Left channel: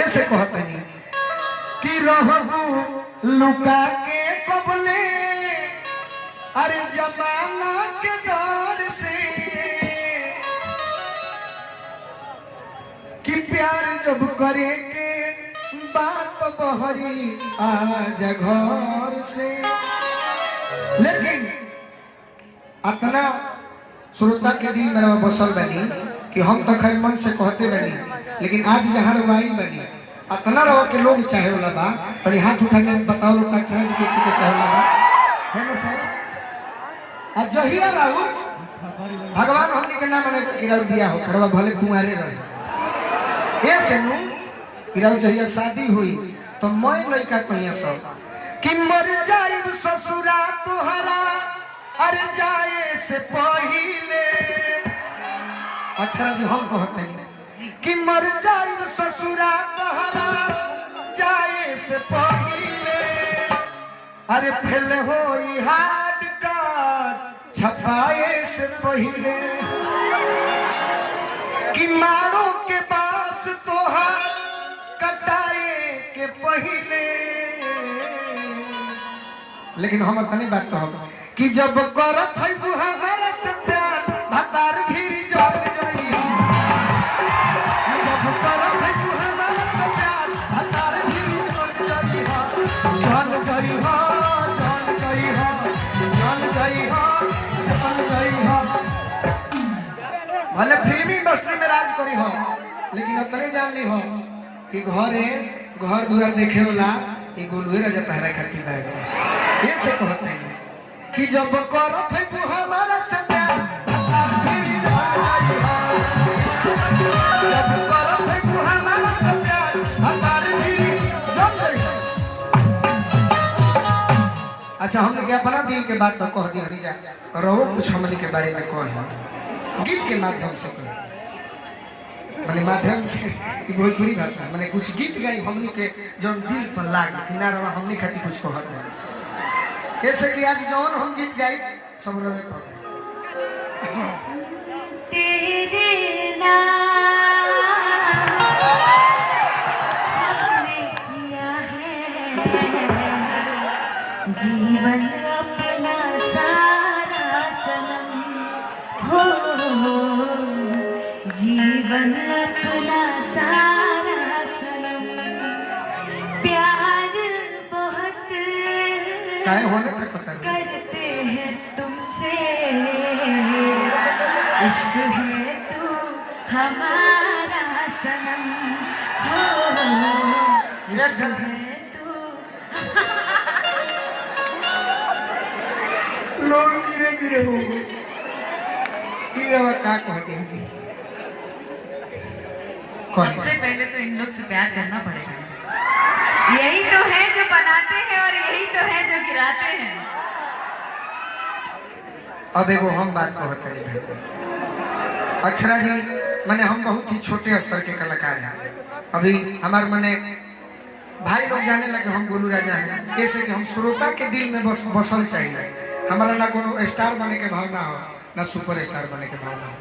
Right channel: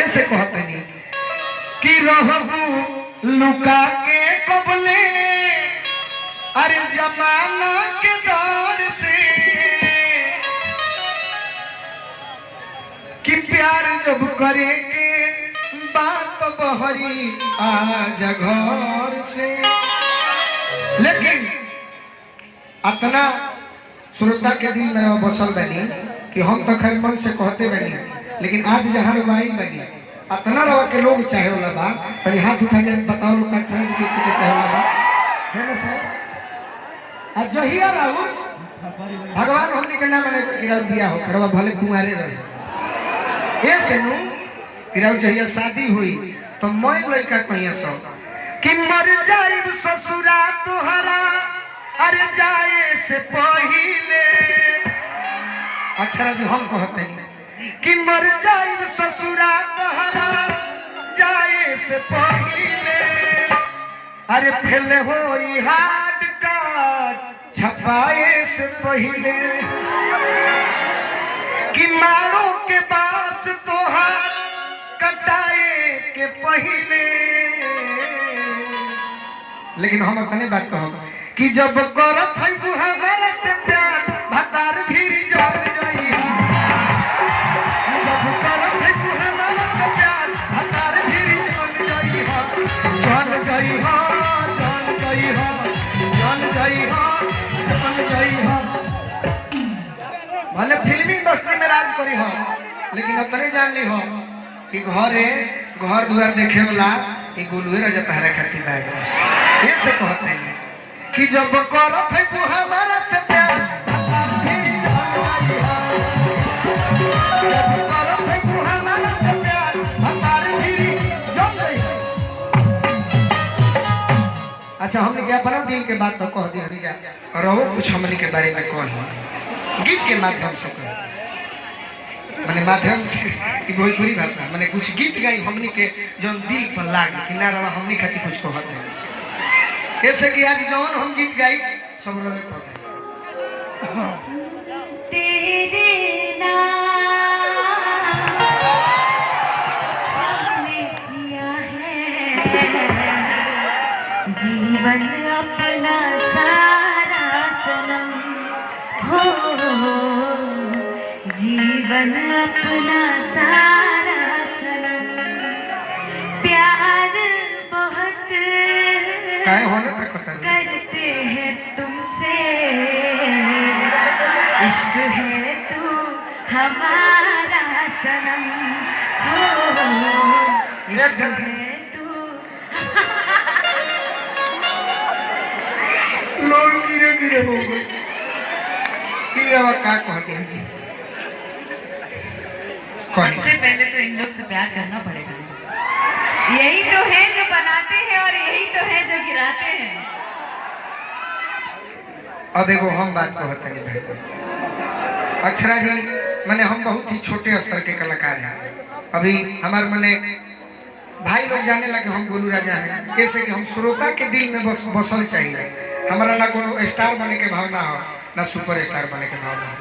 ऐसे कहते नहीं कि रहबू लुका के कबले अरे जमाना के दौर से कि प्यार जब करे के बात बहरी आज घर से। लेकिन अतना श्रोता के दिल में बसल बनी कि हम तो खैर मन से कहते बनी, लेकिन आज जहाँ रवाई बनी अतना रवा के लोग चाहे वाला बा तनी हाथ उठा के बताओ लोग का चाहे जो व्यक्ति के चाहे वाला बा है ना सर। आज जहिया राहु भगवान हमनी के नाम मने गिराउ दिया हो खरवा भले कुंवारे रहे ए से नु गिराउ जहिया शादी हुई तो मैं लड़का कहिए सो कि मर जाइब ससुरा तोहरा अरे जाए से पहिले। अक्षरा जी हम कहते हैं कि मर जाइब ससुरा तोहरा जाए से पहिले अरे फेल होई हार्ड कार्ड छपाए से पहिले कि मारो के पास तोहार कटाए के पहिले। लेकिन हम अपनी बात कहब कि जब करत है वो हमारा से प्यार भतार भी जाग जाई जब करत है वो हमारा से प्यार भतार भी जाग जाई जान गई हो जान गई हो जान गई हो जान गई हो। भले फिल्मी इंडस्ट्री में राज करी हो लेकिन अपने जान ली हो कि घर दुआर देखे वाला एक गोलुए राजा पहरा खाती बैठ ये से कहते हैं कि जब करत है तू हमारा से प्यार जब करत है तू हमारा से प्यार हमारे भी जम गई। अच्छा हमने क्या अपना दिल के बात तो कह दी हमी जा रहो कुछ हमने के बारे में कही गीत के माध्यम से कही मैंने माध्यम से भोजपुरी भाषा मैंने कुछ गीत गाई हमनी के जो दिल पर लाग किनारा हमनी खाती कुछ कहते हैं ऐसे कि आज जौन हम गीत गाई सब लोग पड़ गए तेरे नाम किया है जीवन अपना सारा सनम हो जीवन अपना सारा सनम प्यार बहुत करते हैं तुमसे इश्क है तू हमारा सनम हो इश्क है तू लोग गिरे हो गए क्या कहते हैं सबसे पहले तो इन लोग से प्यार करना पड़ेगा। यही तो है जो बनाते हैं और यही तो है जो गिराते हैं। अब एगो हम बात कहते हैं भाई अक्षरा जी माने हम बहुत ही छोटे स्तर के कलाकार हैं। अभी हमारे माने भाई लोग जाने लगे हम गोलू राजा हैं कैसे कि हम श्रोता के दिल में बसल चाहिए। हमारा ना कोनो स्टार बने के भावना हो ना सुपर स्टार बने के भावना हो।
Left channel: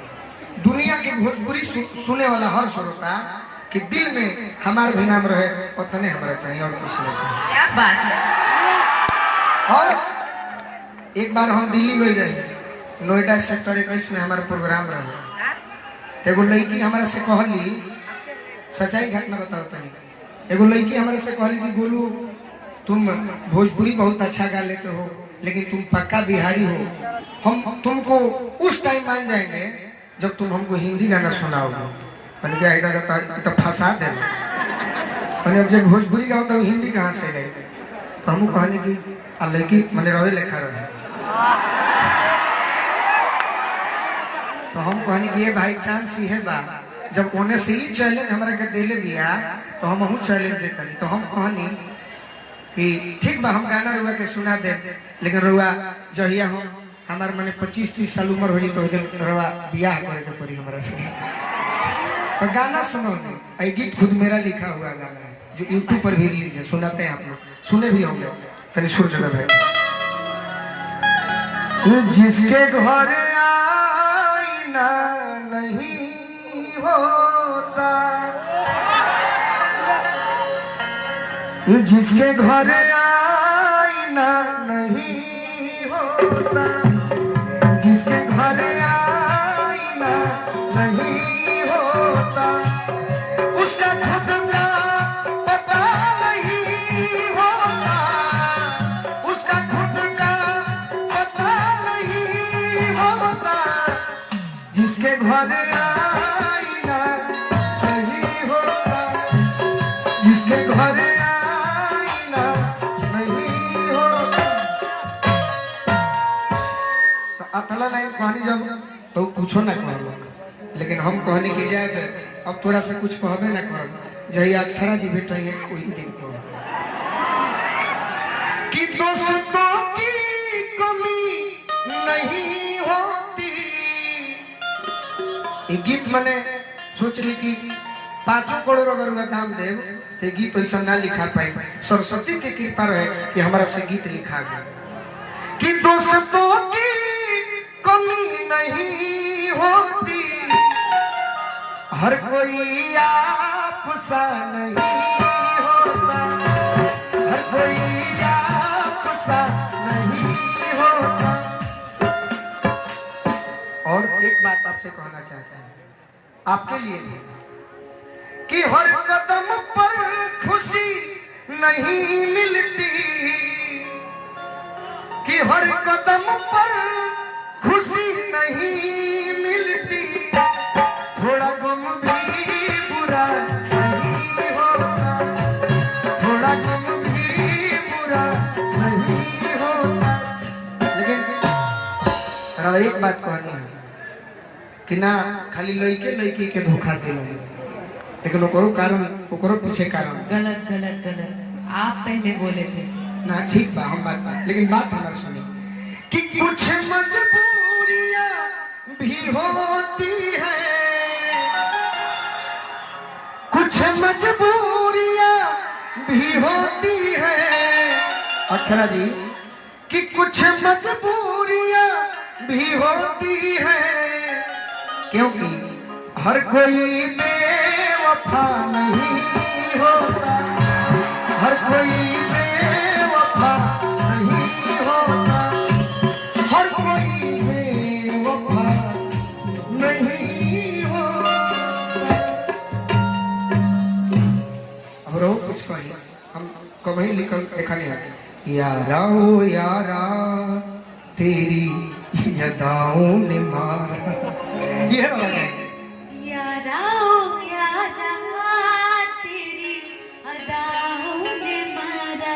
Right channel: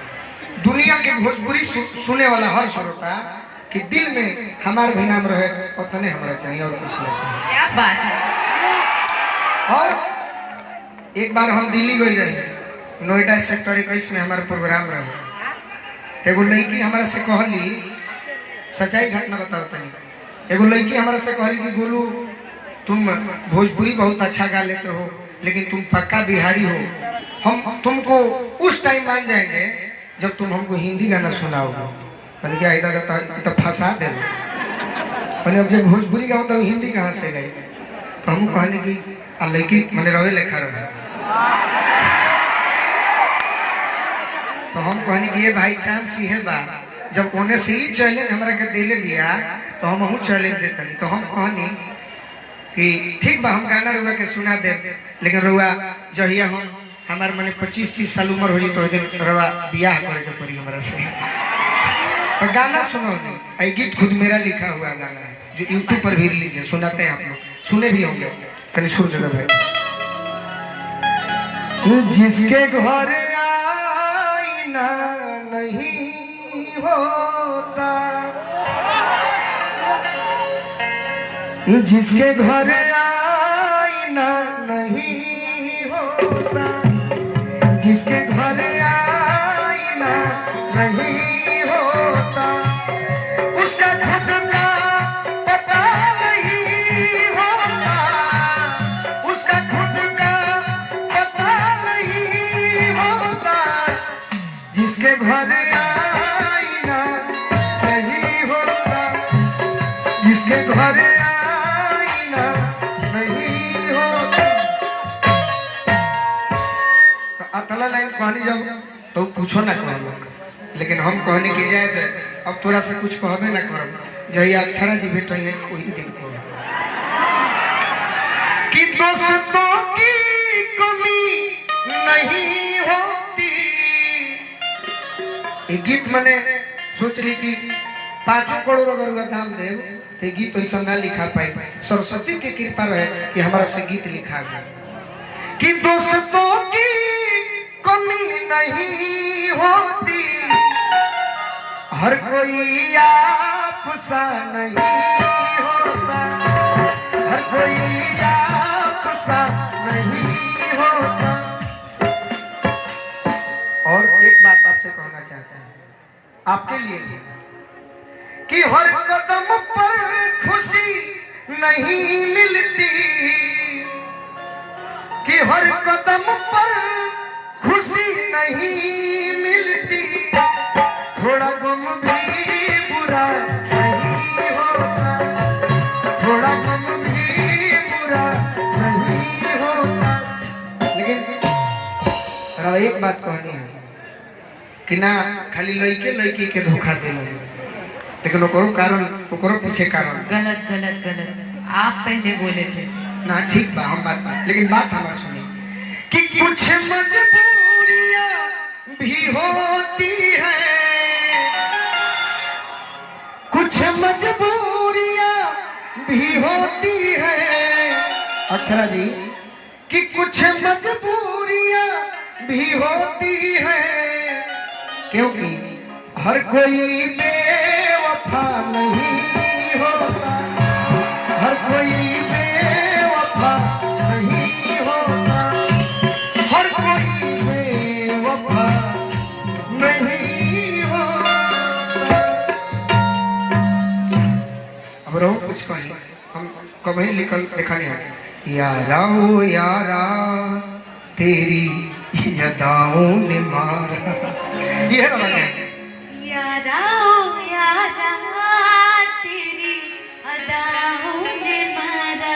दुनिया के भोजपुरी सुने वाला हर श्रोता के दिल में हमारे भी नाम रहे उतने हमारा चाहिए और कुछ नहीं चाहिए। क्या बात है। और एक बार हम दिल्ली गए रहे नोएडा सेक्टर 21 में हमारा प्रोग्राम रहा एगो लड़की हमारा से कहली सच्चाई घटना बताओ तनी एगो लड़की हमारा से कहली कि गोलू तुम भोजपुरी बहुत अच्छा गा लेते हो लेकिन तुम पक्का बिहारी हो हम तुमको उस टाइम मान जाएंगे जब तुम हमको हिंदी गाना सुनाओगे। मैंने क्या इधर तो फंसा दे मैंने अब जब भोजपुरी गाओ तो हिंदी कहाँ से गई तो हम कहने की लड़की मैंने रवे लिखा रहे तो हम कहने की ये भाई चांस ही है बा जब कोने से ही चैलेंज हमारा के देले दिया तो हम चैलेंज देते नहीं तो हम कहनी कि ठीक बा हम गाना रुआ के सुना दे लेकिन रुआ जहिया हम हमारे मैंने 25-30 साल उम्र हो जाए तो दिन रवा ब्याह करे के पड़ी हमारा से तो गाना सुनो नहीं गीत खुद मेरा लिखा हुआ गाना है जो यूट्यूब पर भी रिलीज है सुनाते हैं आप लोग सुने भी होंगे कहीं सुर जरूर है। जिसके घर आईना नहीं होता जिसके घर आईना नहीं होता, जिसके घर आईना नहीं होता, उसका खुद का पता नहीं होता, उसका खुद का पता नहीं होता। जिसके घर आईना नहीं होता, जिसके घर अतला लाइन कहनी जब तो पूछो ना कहलक, लेकिन हम कहने की जाए अब तोरा से कुछ कहबे ना करब। जही अक्षरा जी भेट है वही दिन को कि दोस्तों की कमी नहीं होती। ये गीत मैंने सोच ली कि 5 करोड़ अगर दाम देव तो गीत ऐसा ना लिखा पाई। सरस्वती की कृपा रहे कि हमारा से गीत लिखा गया कि दोस्तों की कमी नहीं होती, हर कोई आपसा नहीं होता, हर कोई आपसा नहीं होता। और एक बात आपसे कहना चाहता हूं आपके लिए कि हर कदम पर खुशी नहीं मिलती, कि हर कदम पर खुशी नहीं मिलती, थोड़ा गम भी बुरा नहीं होता, थोड़ा गम भी बुरा नहीं होता। लेकिन एक बात कहनी है कि ना खाली लड़के लड़की के धोखा दे, लेकिन ओकरो कारण, ओकरो पीछे कारण गलत गलत गलत आप पहले बोले थे ना। ठीक बा, हम बात लेकिन बात हमारी सुनी कि कुछ मजबूरियां भी होती है, कुछ मजबूरियां भी होती है अक्षरा जी, कि कुछ मजबूरियां भी होती है, क्योंकि हर कोई बेवफा नहीं होता, हर कोई बेवफा नहीं होता, हर कोई बेवफा नहीं होता। अब रहो कुछ कहीं हम कभी लिखल देखा नहीं है। यारा ओ यारा तेरी यादाओं ने मारा, ये है ना यारा ओ यारा तेरी अदाओं ने मारा,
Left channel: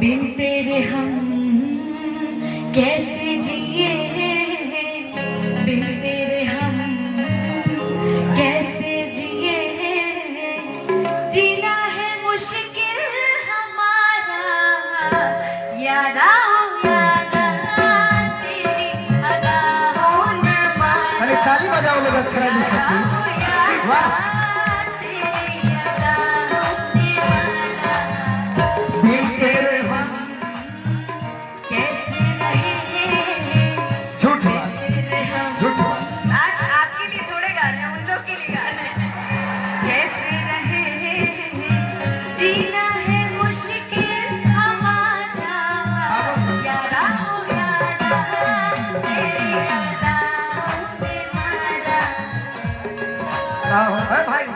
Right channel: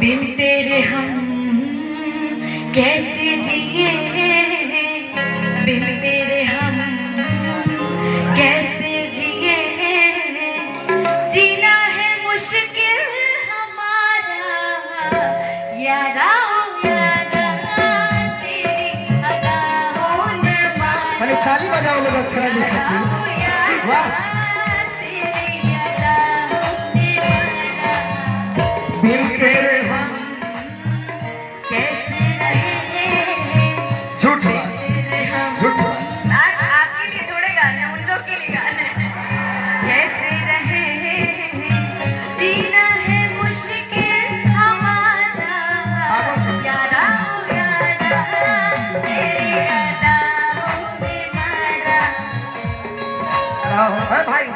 बिन तेरे हम कैसे जिए, बिन तेरे हम कैसे जिए, जीना है मुश्किल हमारा, यारा ताली बजाओ लोग अक्षरा जी खातिर। वाह झूठ झूठ आपके लिए थोड़े गाने उन लोग के लिए गाने। कैसे रहे जीना है मुश्किल हमारा, यारा तेरी भाई।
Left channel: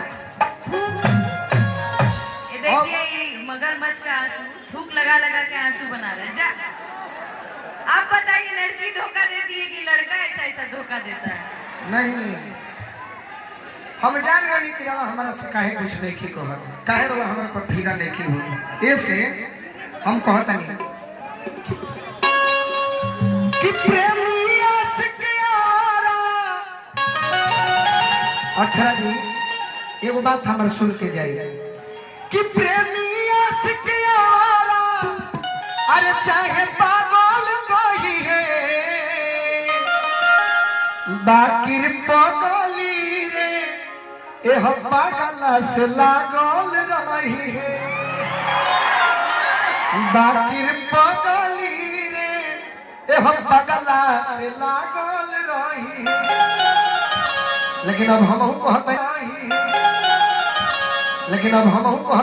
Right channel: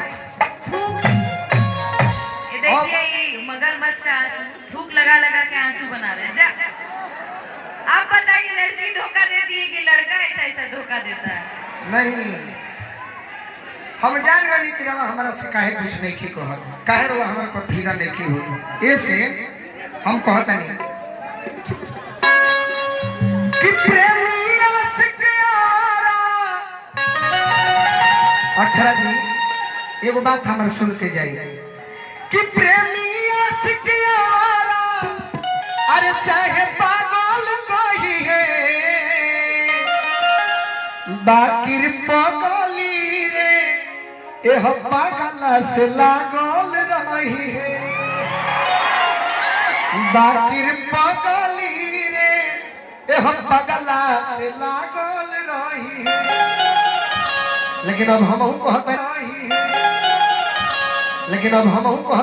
देखिए ये मगरमच्छ का आंसू थूक लगा लगा के आंसू बना रहे हैं। आप बताइए लड़की धोखा देती है कि लड़का ऐसा ऐसा धोखा देता है? नहीं, हम जान गए कि रवा हमारा से काहे कुछ नहीं की कहत, काहे रवा हमारे पर भीड़ा नहीं की हुई, ऐसे हम कहता नहीं कि प्रेमी आशिक यारा। अक्षरा जी एगो बात हमारे सुन के जाइए कि प्रेमी आशिक यारा, अरे चाहे पागल कही है, बाकिर पगली रे एह पागला से लागल रही है, बाकिर पगली रे एह पागला से लागल रही है। लेकिन अब हम कहते, लेकिन अब हम कहते